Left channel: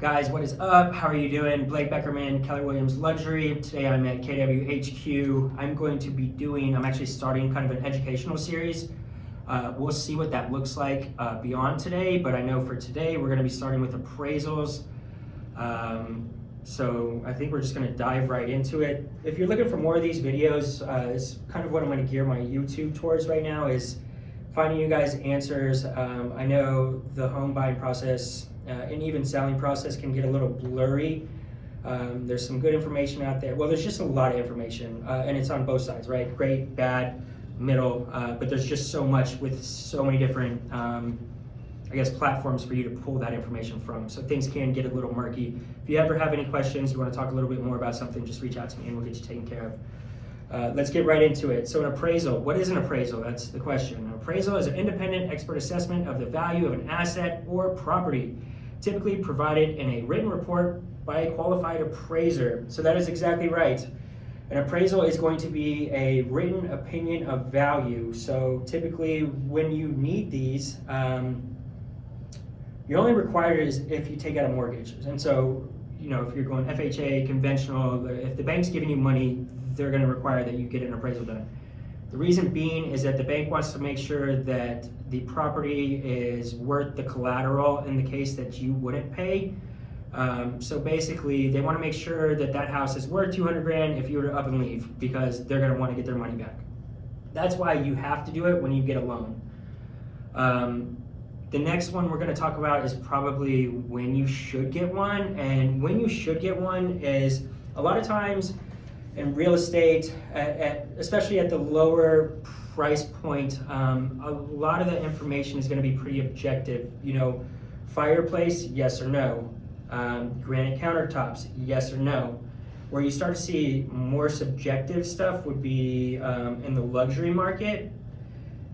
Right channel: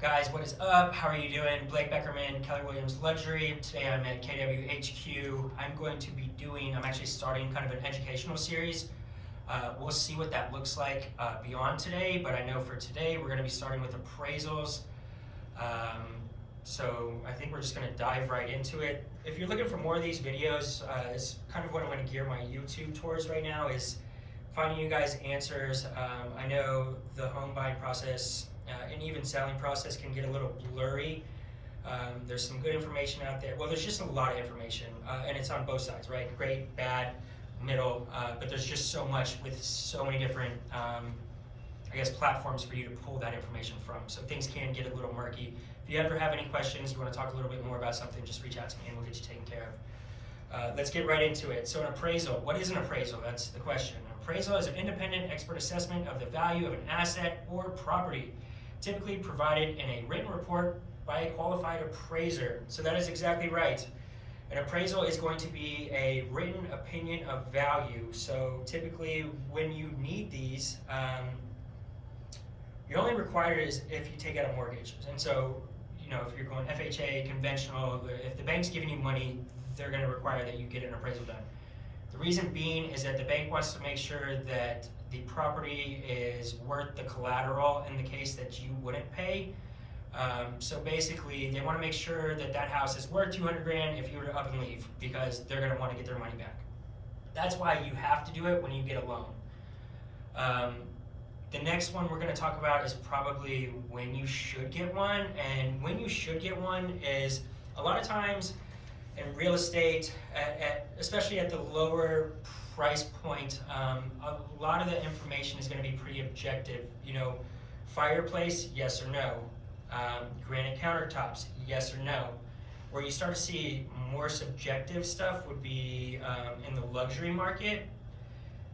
Guys, what is up? How are you doing? Blake Beckerman, Keller Williams Luxury. Today I'm at KWHQ. I'm actually starting kind of an educational series. We'll see what that looks like beyond today, but I know for today we're going to be starting with appraisals. So I think we're just going to dive right into it. If you're looking for more of these videos, it's kind of what I'm going to gear my YouTube towards right now, is finding you guys answers. I know the home buying process and even selling process can get a little blurry. There's some good information out there. Well, there's just a lot of information, and it's on both sides, right? Great, bad, middle, but there's just so much with so many different, platforms for you to pull that information from. So things can get a little murky. If you ever have any questions, you want to talk a little bit more about something, just reach out to me and we'll get you taken care of. Let's get right into it. So an appraisal, what is an appraisal? That's the question. An appraisal is an independent expert assessment of the value of an asset or property, typically provided in a written report by a qualified appraiser. So that is exactly right. An appraisal is going to be a written opinion of value. So typically when you need these, you're only required is if you take out a mortgage. And so, if you're going FHA, conventional, if the bank's giving you money, they're going to require that you get an appraisal done. The reason being is that the bank wants to make sure that the property is worth the collateral in the case that you wouldn't pay. So basically, they want to make sure that that house is worth 200 grand if you were to up and leave, because they're going to want to get their money back. That's why you have to do it when you get a loan. The next one we're going to talk about is probably when you should get one. And when you should get one is a lot of times in real estate, especially at the lower price point, a lot of the information is going to be pretty objective. Fireplace, yes or no. Granite countertops, yes or no. Where you start to see more subjective stuff would be in the luxury market.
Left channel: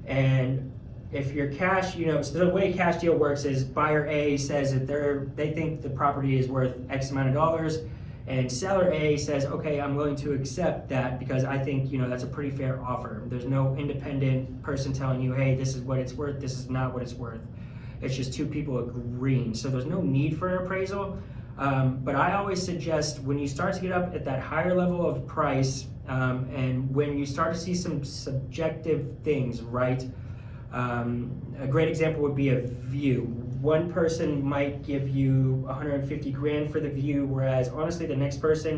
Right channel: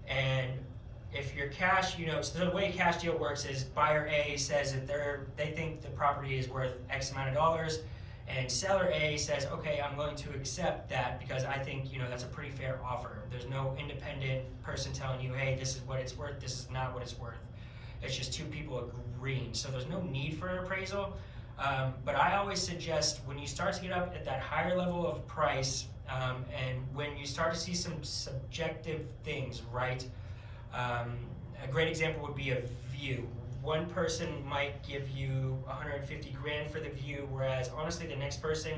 And if you're cash, so the way cash deal works is buyer A says that they think the property is worth X amount of dollars, and seller A says, okay, I'm willing to accept that because I think, that's a pretty fair offer. There's no independent person telling you, hey, this is what it's worth, this is not what it's worth. It's just two people agreeing. So there's no need for an appraisal. But I always suggest when you start to get up at that higher level of price, and when you start to see some subjective things, right? A great example would be a view. One person might give you 150 grand for the view, whereas honestly the next person,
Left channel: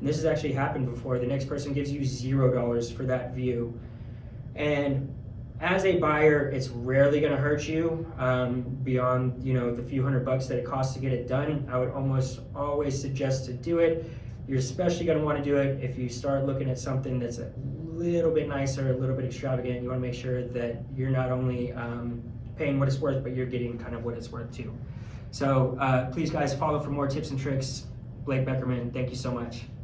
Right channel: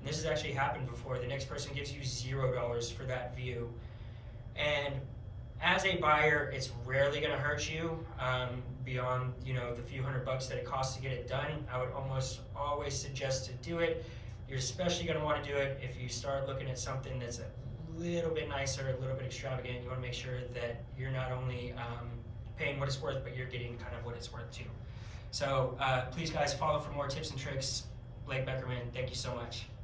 and this has actually happened before, the next person gives you $0 for that view. And as a buyer, it's rarely going to hurt you beyond the few $100 that it costs to get it done. I would almost always suggest to do it. You're especially going to want to do it if you start looking at something that's a little bit nicer, a little bit extravagant. You want to make sure that you're not only paying what it's worth, but you're getting kind of what it's worth too. So please guys, follow for more tips and tricks. Blake Beckerman, thank you so much.